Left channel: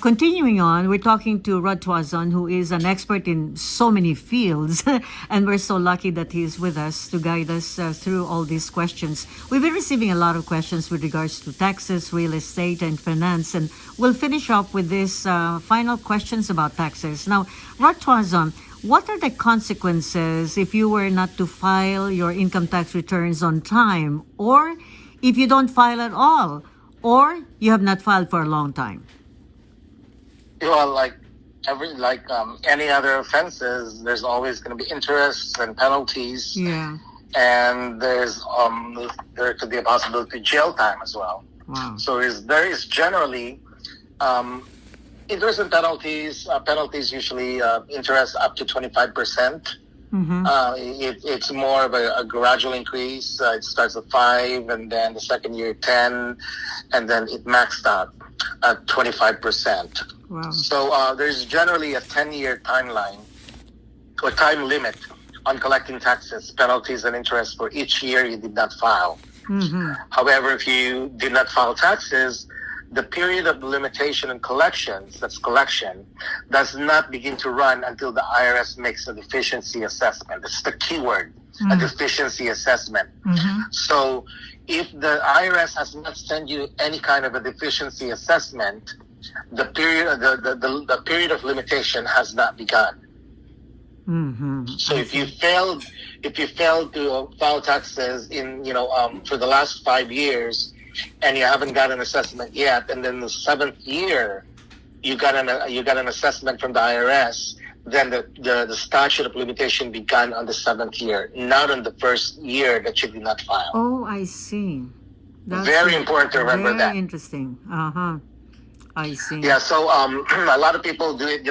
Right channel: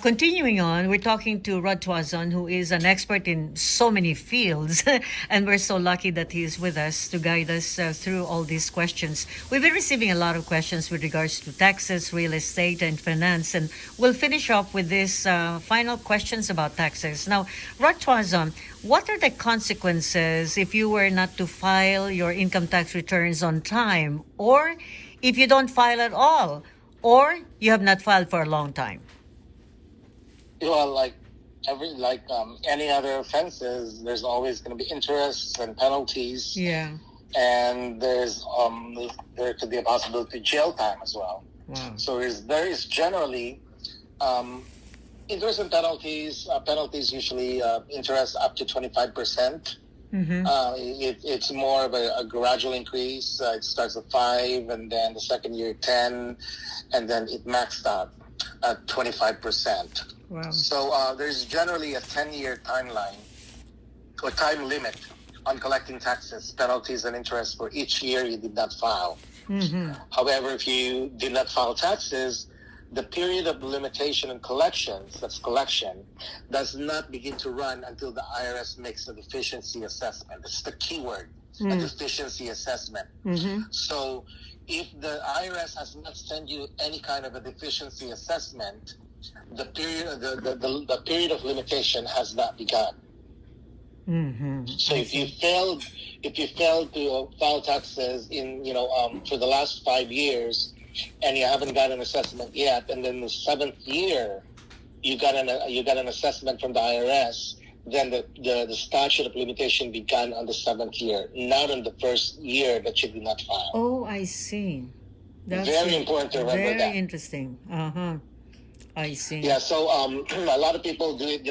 Continuing on, we're talking to Rod Tuazon, who is an expert in so many fields, and we're so lucky that he's with us to guide us through all these questions. We've been receiving a lot of questions with regards to taxes, real estate, and finance, and we'll finish up with these final questions about taxes. Now, Rod Tuazon, what are the consequences if you were not to file your income tax returns on time, or if you don't file at all, or you have not filed for a long time? Well, like any other offenses, there's always going to be interest and penalties. Yeah. And there could be a possibility of jail time as well. Wow. So there is generally interest and penalties. Penalties usually interest up to 25%. Mm-hmm. It's more of a gradual increase. It starts at 5, and then the second year 10, and then it maxed out at 25%. Wow. So there's generally a 10-year timeline or time limit on collecting taxes, penalties, and interest for each year you did not file. Mm-hmm. However, if you did not file taxes, the period of limitation and collections, that's collection, does not begin to run until the IRS makes a deficiency assessment. That's the key word, a deficiency assessment. Mm-hmm. So if the IRS has not sent you any kind of a deficiency assessment, the period of limitation has not begun. Mm-hmm. So if you failed to file taxes in for the last 5 years, and you haven't got an assessment yet, and then the 7th year you got an assessment from the IRS, then the statute of limitation began on the 7th year, not on the first year that you did not file. Oh, I see. That's very important to remember that. Very interesting. I see. Yeah, so a lot of people do it.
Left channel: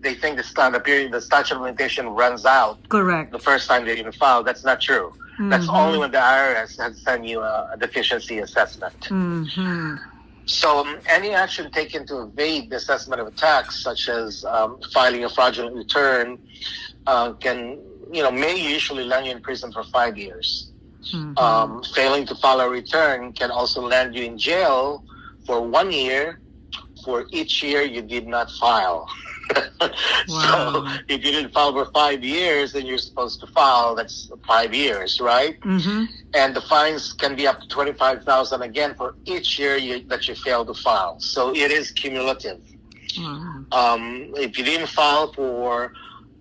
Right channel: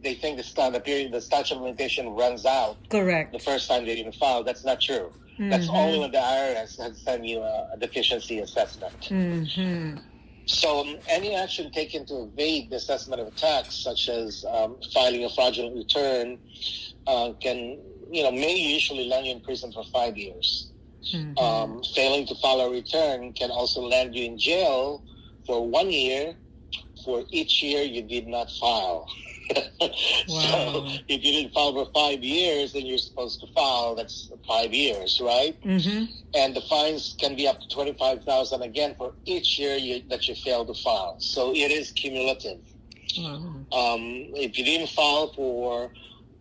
They think the statute of limitation runs out. Correct. The first time they even file. That's not true. Mm-hmm. That's only when the IRS has sent you a deficiency assessment. Mm-hmm. So any action taken to evade the assessment of a tax, such as filing a fraudulent return, may usually land you in prison for 5 years. Mm-hmm. Failing to file a return can also land you in jail for 1 year for each year you did not file. Wow. So if you didn't file for 5 years, then you're supposed to file. That's 5 years, right? Mm-hmm. And the fines can be up to $25,000 again for each year that you fail to file. So it is cumulative. Wow. If you didn't file for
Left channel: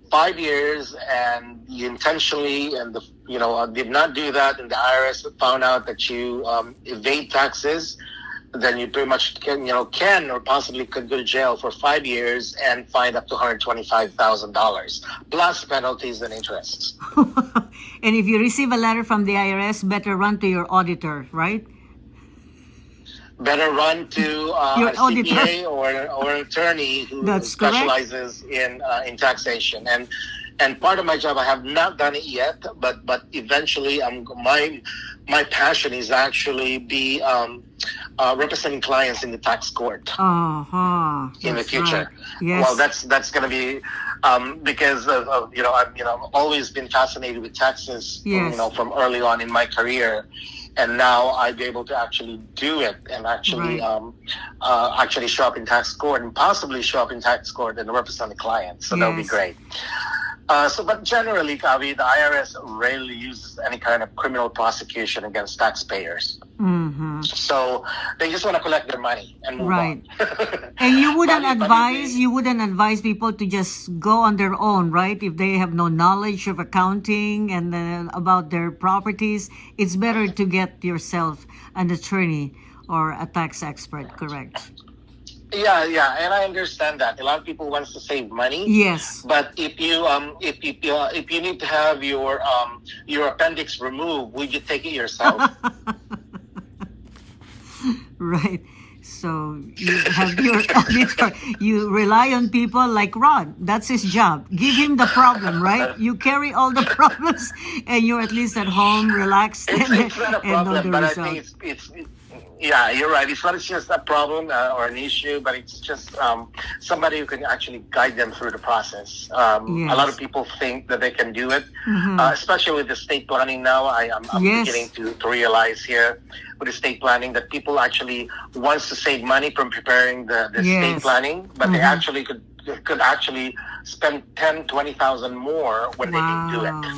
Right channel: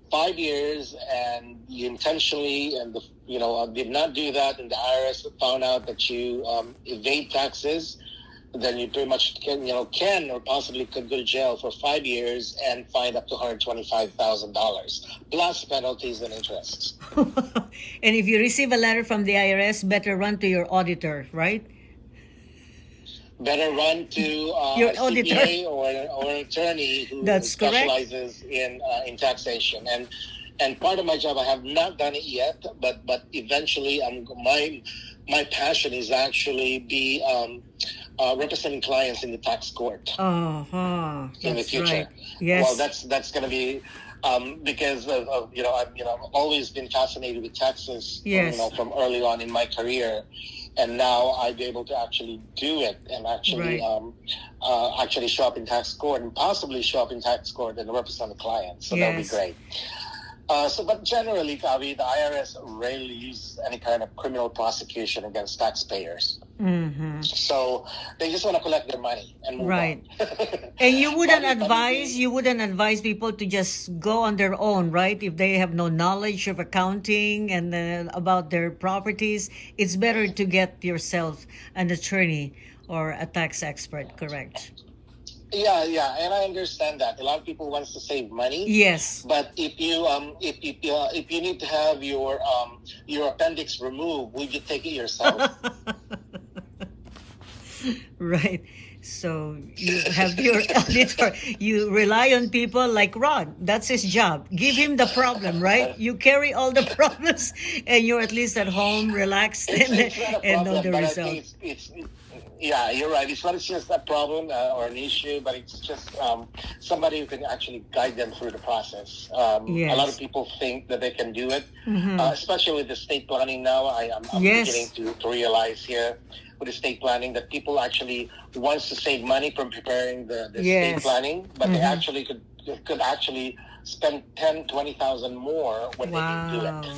5 years and you intentionally did not do that, and the IRS found out that you evade taxes, then you pretty much can or possibly could go to jail for 5 years and fined up to $125,000 plus penalties and interests. And if you receive a letter from the IRS, better run to your auditor, right? Better run to your a auditor CPA or an attorney who specializes in taxation. And part of my job, I have not done it yet, but eventually, my passion is actually be representing clients in the tax court in the future. Right. Yes. Well, that's going to be because of I've always been fascinated with taxes. Yes. From early on in my career, and now I'd be able to actually do it and actually actually show up in tax court and possibly show up in tax court and represent the client. So that'll be great. But generally, Kavi, the IRS rarely uses any kind of criminal prosecution against taxpayers. Mm-hmm. So they just want to collect their money and move on. And you wouldn't advise people to just go on their own, right? If they have no knowledge of accounting and about their properties, it's better to get yourself an attorney or a tax expert, correct? Yeah, and I understand that. A lot of people wants to save money. Yes. But if you need to have your appendix removed, would you take it yourself? Right. So you have your auditor. You rely on people like Rod. That's his job. Give him the problem, right? You carry all the problems, and you're at least at home, relaxed, It's not a and know problem, the but result. I think it's Yeah, you're right. It's not just a problem or an issue, but it's just somebody who can actually guide them through the process. Yes. A lot of people think that they can do it, especially with the state planning now. I'm Yes. beginning to realize here with the state planning that people actually wants to save money from preparing the state Yes. planning, but they actually could actually spend 10, 20,000 more when they do it. Wow.